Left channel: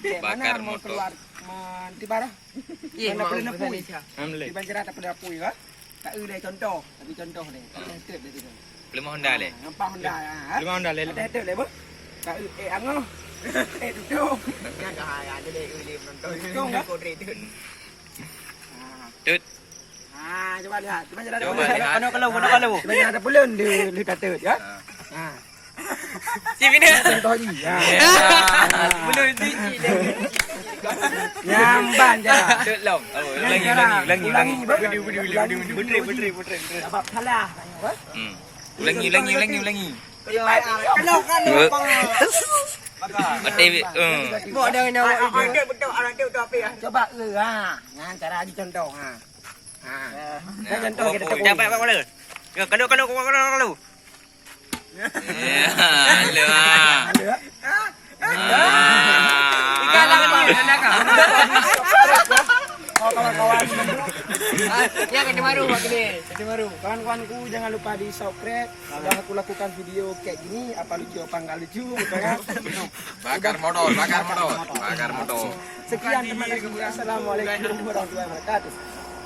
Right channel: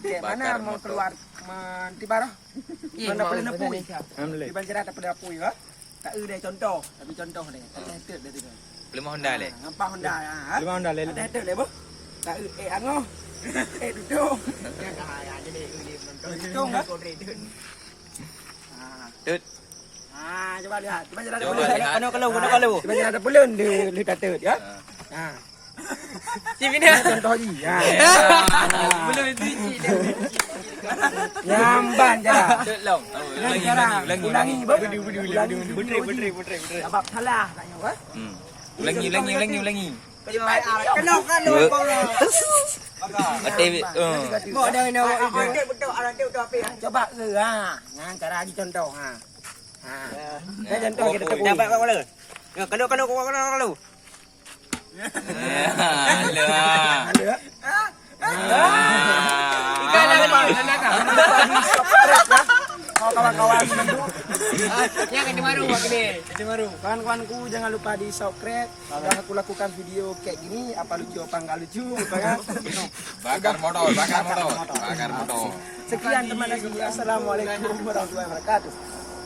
Kayak mana mau keluar di barah? Mana boleh napui? Di Banjaran tak boleh napui kan? Tak ada contoh, tapi contoh ni. Tak ada head dia tu. Lima Honda le. Ngampah Honda. Lima Honda le. Ada head le boh. Tak angoh. Duduk. Ada deh ini menonton. Duduk kan? Tut. Coba lihat. Di Banjaran ada Coba boleh. lihat. Kalau. Di Banjaran ada boleh dia kata ya. Si bina. Contoh ni. Belum cuci. Nyamban je lah. Tut long. Ulangi. Putri. Sebab salah. Ulangi. Kena Betul. Buat dah nak buat betul orang tu apa ya? Coba Ngan cara lagi contoh contoh kita tegur. Dapat apa boleh? Ya, kalau. Ada. Kawan-kawan Yang ada baru buat ni. kawan-kawanku jangan lupa di subscribe. Kalau aku lakukan video kayak gini apa lucu apa enggak lucu gitu kan. Bakar motor. Sekian terima kasih. Assalamualaikum warahmatullahi wabarakatuh.